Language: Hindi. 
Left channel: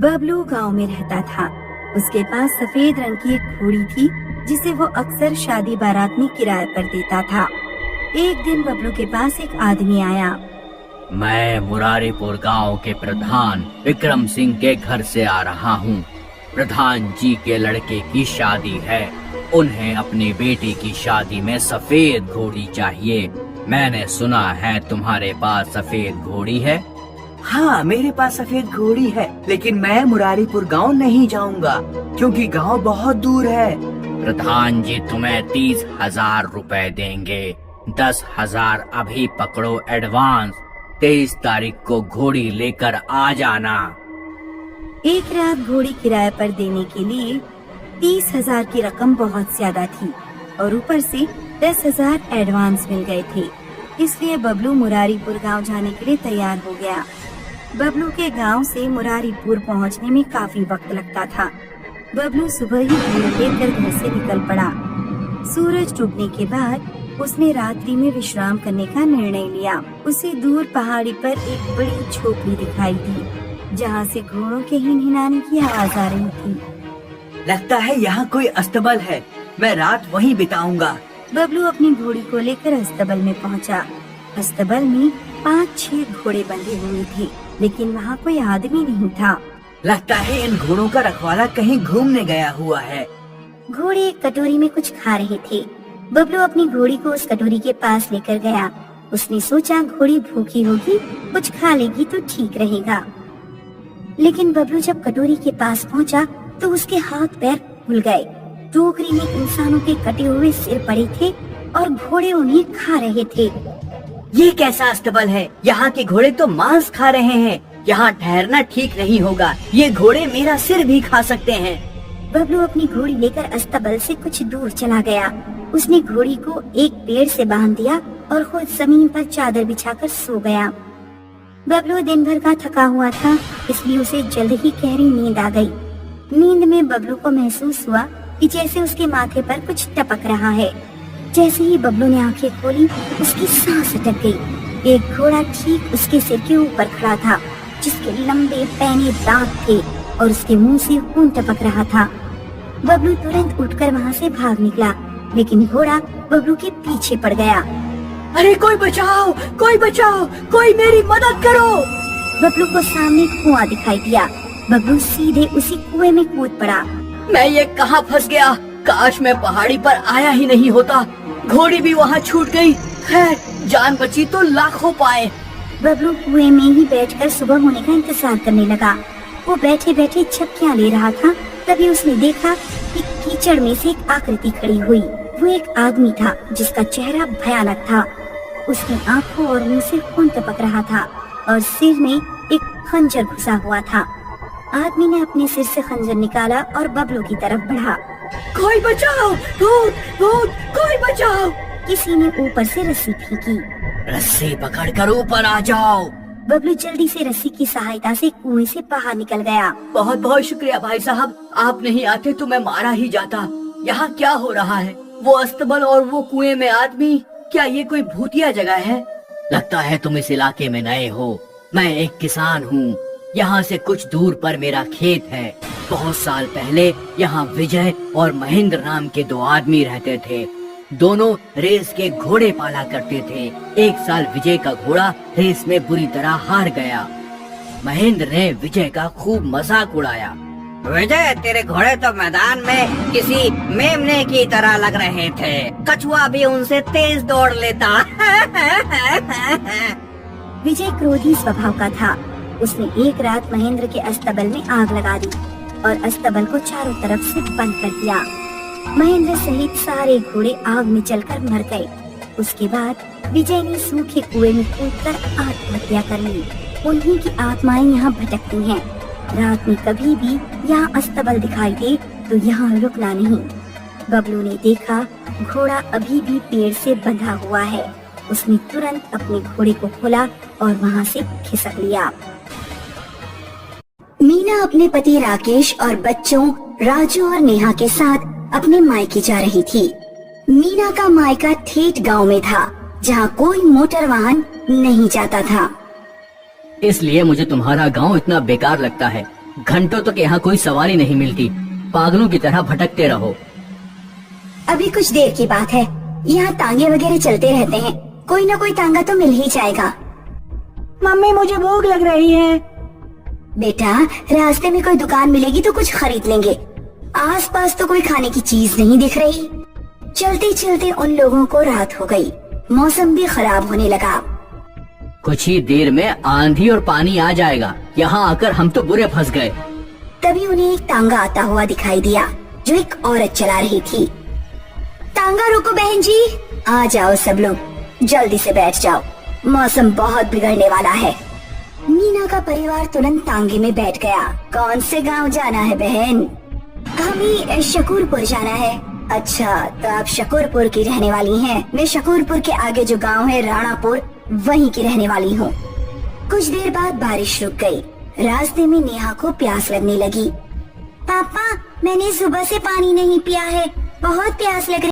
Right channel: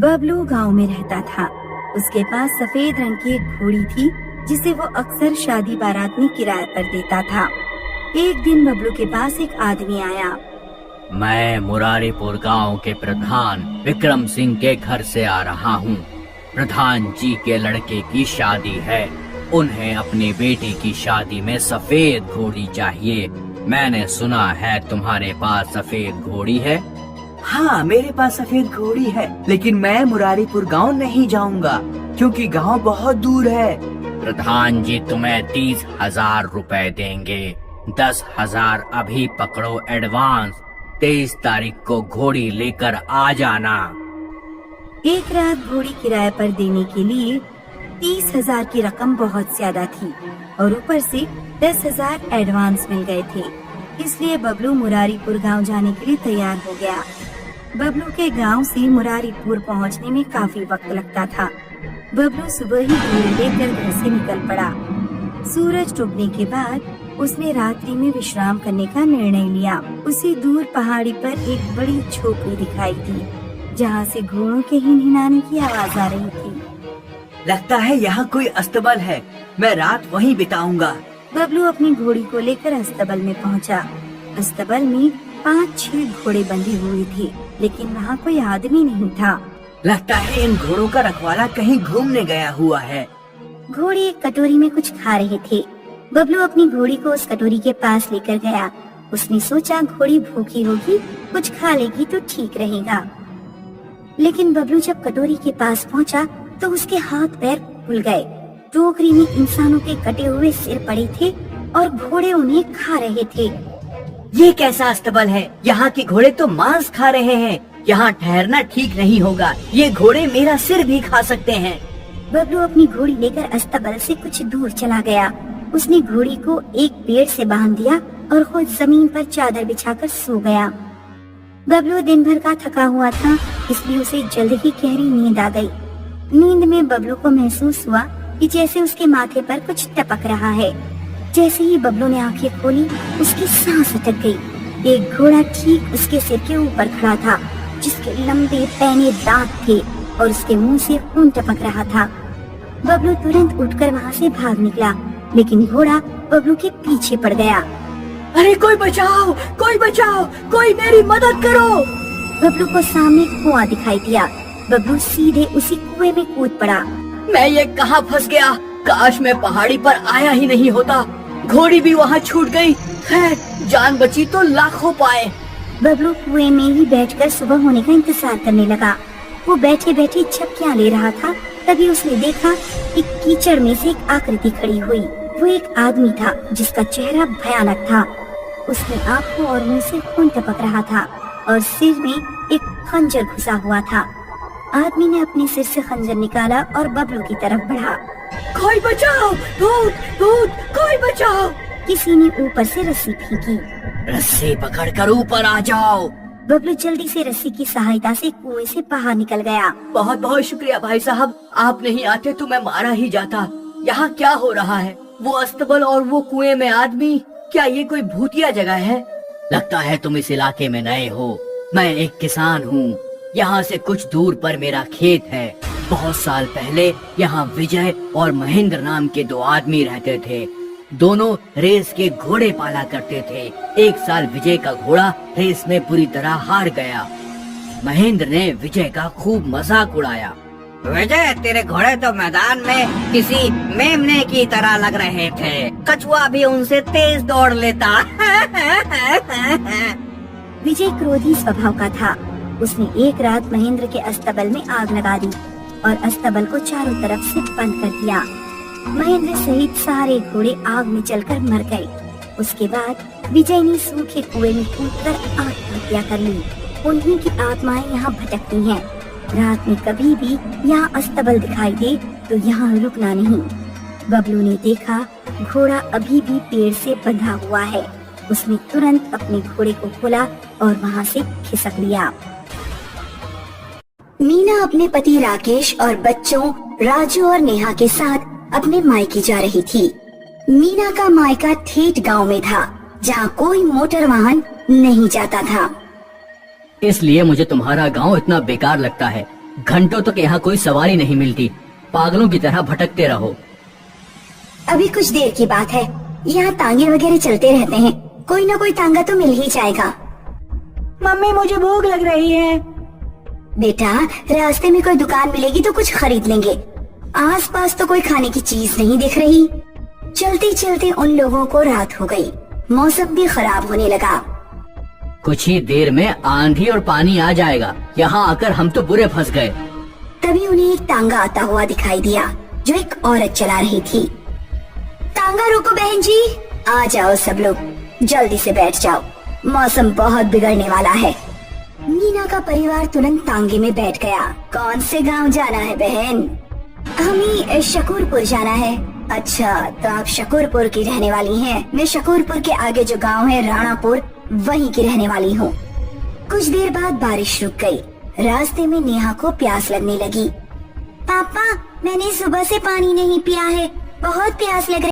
बबलू गांव में रहता था। उसके पास सफेद रंग की एक घोड़ी थी जिसे वो अक्सर शादी बारात में किराए पर देता था। एक दिन बबलू के पास एक आदमी आया। मैं मुरारीपुर गांव के प्रधान विक्रम सिंह के घर से आ रहा हूँ। प्रधान जी के लड़के की शादी है। उन्हें अपनी बेटी की शादी में सफेद घोड़ी चाहिए। मैंने सुना है तुम्हारे पास सफेद घोड़ी है। हाँ, मेरे पास सफेद घोड़ी है, लेकिन मैं मुरारीपुर गांव नहीं जाऊंगा क्योंकि गांव बहुत दूर है। प्रधान जी तुम्हें 30,000 रुपए देंगे। 10,000 अभी पकड़ो एडवांस। 23 तारीख को घोड़ी लेकर आ जाना। एक रात घोड़ी किराए पर देने के लिए 30,000 की रकम बहुत ज्यादा थी और ऊपर से 10,000 एडवांस मिल गए थे। इसलिए बबलू मुरारीपुर गांव जाने के लिए तैयार हो गया। बबलू के गांव से मुरारीपुर पहुंचने में काफी वक्त लगता था। बबलू सुबह ही घोड़ी लेकर घर से निकल पड़ा। सूरज डूबने के बाद उसने रात्रि में विश्राम करने का निर्णय लिया। उसे दूर पहाड़ी पर एक बड़ी झोपड़ी दिखाई दी जहाँ से घोड़ों के हिनहिनाने की आवाज आ रही थी। लगता है यहाँ कोई अस्तबल है, मैं रात वहीं बिताऊंगा। बबलू अपनी घोड़ी को लेकर अस्तबल में पहुँचा। अस्तबल में 5-6 घोड़े बंधे हुए थे, लेकिन वहाँ कोई आदमी नहीं था। लगता है इन घोड़ों का रखवाला कहीं घूमने गया हुआ है। घोड़े एक कटोरी में कुछ खा रहे थे। बबलू अपनी घोड़ी को उस कटोरी के पास लेकर गया। उसने सोचा घोड़ी भूखी होगी, कुछ खा लेगी तो ठीक रहेगा। लेकिन बबलू जब कटोरी के पास पहुंचा तो उसके हाथ पैर फूल गए। टोकरी में इंसानों के कटे हुए सिर पड़े थे और घोड़े उन्हें खा रहे थे। ये कैसा अस्तबल है? यहाँ के घोड़े तो मांस खा रहे हैं। यहाँ ठहरना ठीक नहीं होगा। ये घोड़े मेरा सिर भी खा सकते हैं। बबलू अपनी घोड़ी लेकर अस्तबल से कुछ दूर चला गया। उसने घोड़ी को एक पेड़ से बांध दिया और खुद जमीन पर चादर बिछाकर सो गया। बबलू दिन भर का थका हुआ था, इसलिए उसे जल्द ही गहरी नींद आ गई। नींद में बबलू को महसूस हुआ कि जैसे उसके माथे पर कुछ टपक रहा है। जैसे ही बबलू ने आंखें खोली, उसकी सांस अटक गई। एक घोड़ा ठीक उसके सिर के ऊपर खड़ा था, जिसके लंबे पैने दांत थे और उसके मुंह से खून टपक रहा था। बबलू तुरंत उठकर वहाँ से भाग निकला, लेकिन घोड़ा बबलू के पीछे पड़ गया। अरे कोई बचाओ, कोई बचाओ, कोई मेरी मदद करो। बबलू को सामने कुआं दिखाई दिया। बबलू सीधे उसी कुएं में कूद पड़ा। मैं ये कहाँ फंस गया? काश मैं पहाड़ी पर आया ही नहीं होता। घोड़ी भी वहाँ छूट गई। खैर, जान बची तो लाखों पाए। बबलू कुएं में ही बैठकर सुबह होने का इंतजार करने लगा। वो बैठे बैठे झपकियां ले रहा था। तभी उसने देखा कि कीचड़ में से एक आकृति खड़ी हुई। वो एक आदमी था जिसका चेहरा भयानक था। उसकी आंखों और मुंह से खून टपक रहा था और सिर में एक खंजर घुसा हुआ था। आदमी ने अपने सिर से खंजर निकाला और बबलू की तरफ बढ़ा। कोई बचाओ, भूत, भूत, कोई बचाओ। किसी ने ऊपर से रस्सी फेंकी। रस्सी पकड़कर ऊपर आ जाओ। बबलू जल्दी से रस्सी की सहायता से कुएं से बाहर निकल गया। बहुत बहुत शुक्रिया भाई साहब, आप नहीं आते तो मैं मारा ही जाता। यहाँ क्या हो रहा है? वो अस्तबल और वो कुएं में आदमी, क्या ये कोई भूतिया जगह है? लगता है तुम इस इलाके में नए हो। मैं एक किसान हूँ। यहाँ से कुछ दूर पर मेरा खेत है। बहुत साल पहले यहाँ विजय और महेंद्र नाम के 2 आदमी रहते थे। दोनों रेस के घोड़े पाला करते थे। एक साल विजय का घोड़ा रेस में बुरी तरह हार गया। महेंद्र ने विजय का खूब मजाक उड़ाया। विजय, तेरे घोड़े तो मैदान में किसी मेमने की तरह लग रहे थे। कछुआ भी उनसे तेज दौड़ लेता। विजय क्रोधी स्वभाव का था। उसने एक रात महेंद्र के अस्तबल में आग लगा दी और अस्तबल को चारों तरफ से बंद कर दिया। महेंद्र सहित सारे घोड़े आग में जलकर मर गए। उसके बाद विजय ने सूखे कुएं में कूदकर आत्महत्या कर ली। उन्हीं की आत्माएं यहाँ भटकती हैं। रात में कभी भी यहाँ अस्तबल दिखाई दे तो यहाँ रुकना नहीं। बबलू ने देखा घोड़ा अभी भी पेड़ से बंधा हुआ है। उसने तुरंत अपने घोड़े को खोला और वहाँ से खिसक लिया। मीना अपने पति राकेश और बच्चों राजू और नेहा के साथ अपने मायके जा रही थी। मीना का मायका ठेठ गांव में था, जहाँ कोई मोटर वाहन नहीं जाता था। इसलिए मुझे तुम्हारा गांव इतना बेकार लगता है। घंटों तक यहाँ कोई सवारी नहीं मिलती, पागलों की तरह भटकते रहो। अभी कुछ देर की बात है, यहाँ तांगे वगैरह चलते रहते हैं, कोई ना कोई तांगा तो मिल ही जाएगा। मम्मी मुझे भूख लग रही है। बेटा, रास्ते में कोई दुकान मिलेगी तो कुछ खरीद लेंगे। आसपास तो कोई खाने की चीज नहीं दिख रही। चलते चलते उन लोगों को रात हो गई, मौसम भी खराब होने लगा। कुछ ही देर में आंधी और पानी आ जाएगा, यहाँ आकर हम तो बुरे फंस गए। तभी उन्हें एक तांगा आता हुआ दिखाई दिया जो एक औरत चला रही थी। तांगा रोको बहन जी, आ जाओ सब लोग, जल्दी से बैठ जाओ, मौसम बहुत बिगड़ने वाला है। मीना का परिवार तुरंत तांगे में बैठ गया। कौन से गांव जाना है बहन? हमें शकूरपुर जाना है। अच्छा, तो आप शकूरपुर की रहने वाली हैं। मैं शकूरपुर के आगे जो गांव है राणापुर, वहीं की रहने वाली हूँ। कुछ देर बाद बारिश रुक गई। रास्ते में नेहा को प्यास लगने लगी। पापा, मैंने सुबह से पानी नहीं पिया है, बहुत प्यास लग रही